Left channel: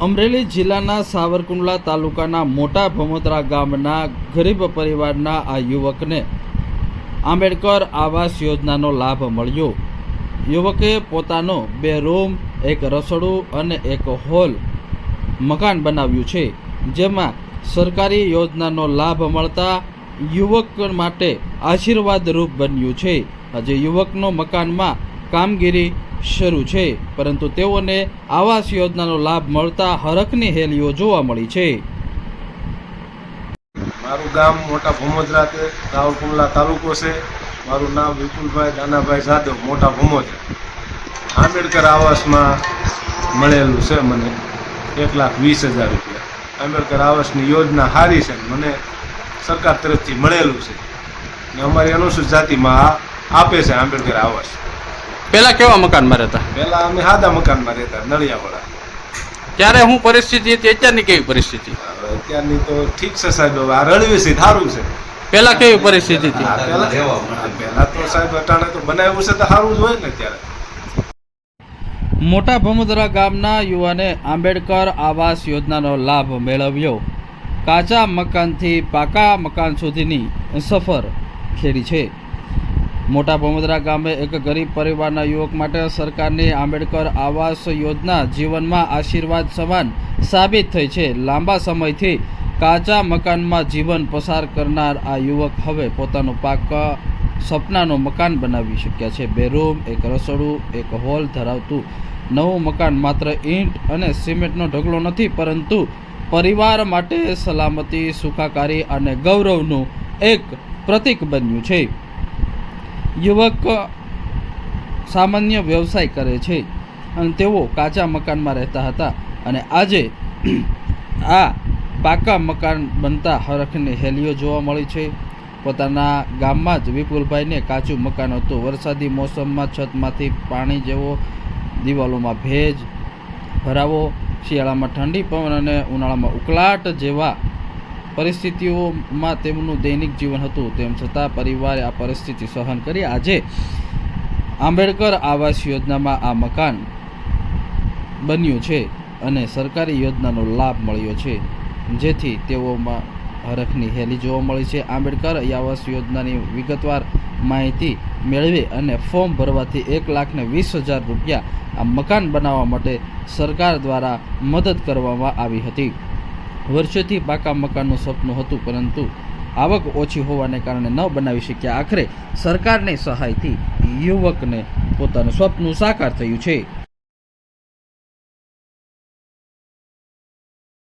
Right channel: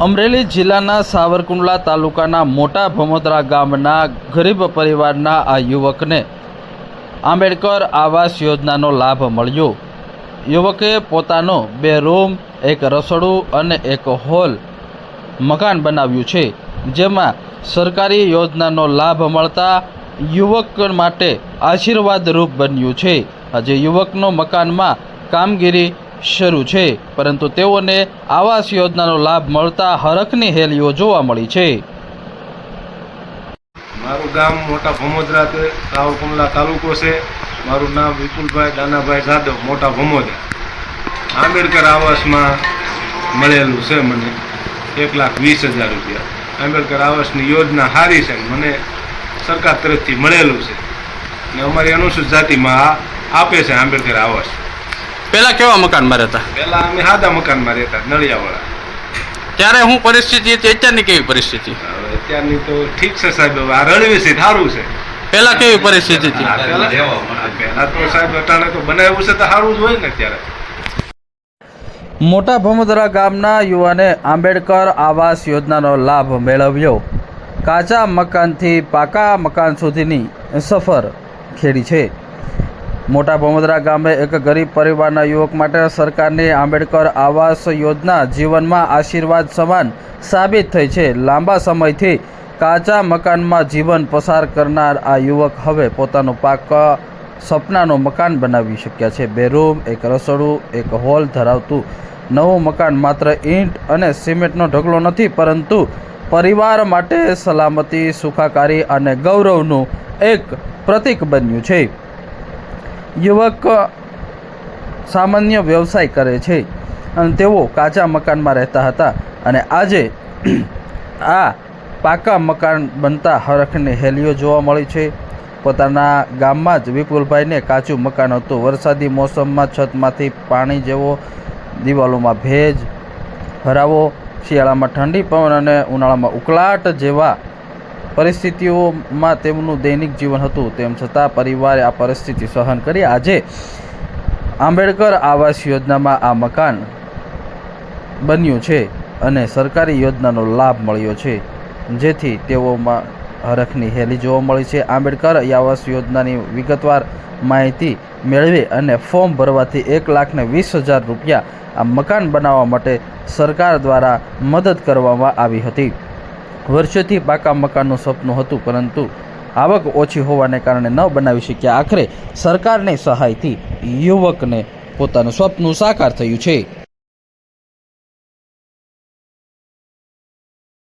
અમરેલી જિલ્લાના સાવરકુંડલા તાલુકાના મોટા ભમોદરા ગામના ગરીબ પરિવારના આ યુવકને આંબેડકર આવાસ યોજનાનો લાભ મળ્યો। યુવકે પોતાનો 2 રૂમ, 1 રસોડું અને 1 હોલ મકાન બનાવ્યું છે, જેમાં સરકારી યોજનાનો લાભ મળતા યુવક માટે આશીર્વાદરૂપ બન્યું છે। આજે યુવકનો મકાનમાં કામગીરી શરૂ છે, પરંતુ તેઓને આવાસ યોજનાનો લાભ મળતા હરખની હેલીઓ જોવા મળી છે। મારું ગામ મોટા ભમોદરા છે, સાવરકુંડલા તાલુકો છે। મારું નામ વિપુલભાઈ દાનાભાઈ જાદવ, મોટા ભમોદરા। આંબેડકર આવાસમાં મળેલું છે મને 1,20,000 રૂપિયા। આંબેડકર આવાસની યોજના સારી છે, મને સરકાર તરફથી મળેલું છે ને અમારી અનુસૂચિત જાતિમાં આપે છે આંબેડકર આવાસ। પેલા કેવા મકાનમાં રહેતા? પહેલા અમે સાદા મકાનમાં રહેતા, નળિયાવાળા। ત્યારે શું પરિસ્થિતિ હતી, અત્યારની કેવી પરિસ્થિતિ? હવે અત્યારની તો ઠીક છે સાહેબ, હવે આ રળવે છે સારું છે। પેલા કેવી પરિસ્થિતિ હતી? પહેલા તો સાહેબ અટાણે તો બનાવ્યું છે તો સારું જ હોય ને। ત્યારે મોટા ભમોદરા ગામના યુવાને આંબેડકર આવાસ યોજનાનો લાભ મેળવ્યો। કાચા મકાનથી પાકા મકાન સુધીની સફર ખેડી છે। મોટા ભમોદરા ગામે એક ગરીબ પરિવારના યુવક માટે સરકારની આંબેડકર આવાસ યોજના જીવનમાં આશીર્વાદ સમાન સાબિત થઈ છે। લાંબા સમયથી કાચા મકાનમાં જીવન પસાર કરનાર આ યુવક હવે પોતાનું પાકા સપનાનું મકાન બનાવી શક્યા છે। 2 રૂમ, 1 રસોડું, 1 હોલ ધરાવતું નવું મકાન માત્ર ઈંટ અને સિમેન્ટનો ઢગલો નથી, પરંતુ પરિવાર માટે સલામતી, સુખાકારી અને ગૌરવનું એક પ્રતીક બન્યું છે। યુવક સામાન્ય વ્યવસાય કરે છે અને તેઓ કાચા મકાનમાં રહેતા હતા અને આજે આ પાકા મકાન બનતા હરખની હેલીઓ જોવા મળી છે। પોતાના ગામમાં જ વિપુલભાઈને કાચું મકાન હતું। વરસાદી મોસમમાં છતમાંથી પાણી જેવો, દિવાલોમાં ભેજ ભરાવો, શિયાળામાં ઠંડી પવન અને ઉનાળામાં ઉકળાટ જેવા પરિસ્થિતિઓમાં તેમનું દૈનિક જીવન હતું। તેમ છતાં પરિવારે આ પરિસ્થિતિ સહન કરી આજે આંબેડકર આવાસ યોજનામાં આ મકાન બન્યું છે અને સરકારી યોજનાનો લાભ મળ્યો છે, જેથી તેઓમાં હરખની હેલી જોવા મળી છે। આંબેડકર આવાસ યોજનાની વિગતવાર માહિતી મેળવી અને ફોર્મ ભરવાથી 1,20,000 રૂપિયા આ મકાન બનાવવા માટે સરકાર દ્વારા મદદ કરવામાં આવી હતી। વર્ષોથી પાકા મકાનનું સપનું હતું, પરંતુ આવક ઓછી હોવાને કારણે ન બનાવી શક્યા। આખરે સરકારની સહાયથી યુવકને પોતાનું સપનું સાકાર થયું છે।